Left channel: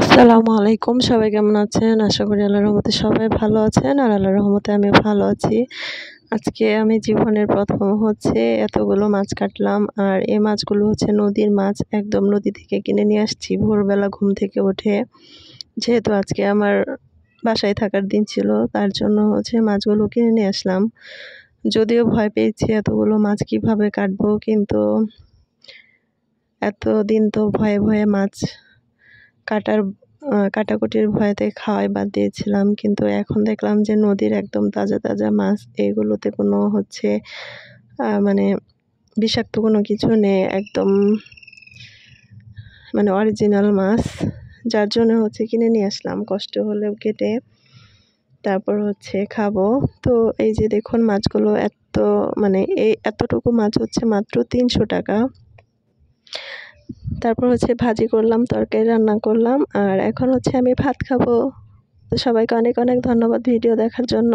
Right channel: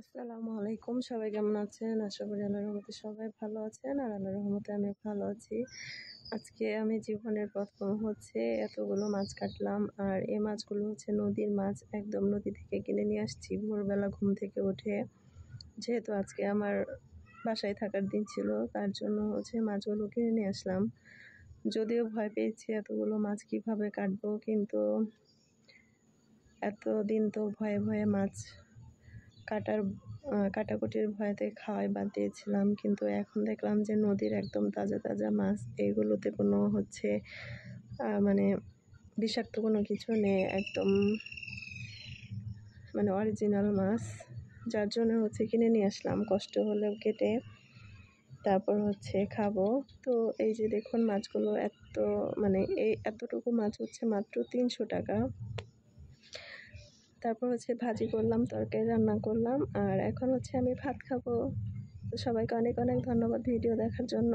আসসালামু আলাইকুম। সবাই কেমন আছেন? আশা করি আল্লাহর রহমতে সবাই ভালো আছেন। আর আল্লাহর রহমতে আমিও ভালো আছি। আজকে আমি জীবনের ১ম এতগুলো মাছ কাটলাম। আর এই মাছগুলো নদীর মাছ। একদম নদী থেকে কিনে নিয়ে আসছি ভোরবেলা ঘুম থেকে উঠে। যেহেতু আজকে আমার বাসায় থাকার দিন ছিল, তার জন্য মাছগুলো কিনে নিয়ে আসলাম। যদিও ভয় পেয়েছি এতগুলো মাছ কিভাবে কাটবো, কিন্তু এতদিন তো ভয়ে ভয়ে মাছ কাটাকুটির ভয়েতে খাওয়াই বাদ দিয়েছিলাম। কিন্তু এখন দেখলাম যে নদীর একদম তাজা তাজা মাছ, এগুলোতে কোনো মানে বিষাক্ত কোনো কিছু নেই, একদম মানে অরিজিনাল মাছ। যার জন্য কিনে নিয়ে আসলাম, কষ্ট হলেও কেটে তারপর খাবো। তো এই যে দেখুন মাছগুলো এই এতটুকু মাছ মাত্র ৩০০ টাকা। তারপর ভাজি করলাম, তরকারি রান্না করলাম, আর এখন আমি ভাত খাবো। তো সবাইকে অনেক অনেক ধন্যবাদ ভিডিও দেখার জন্য।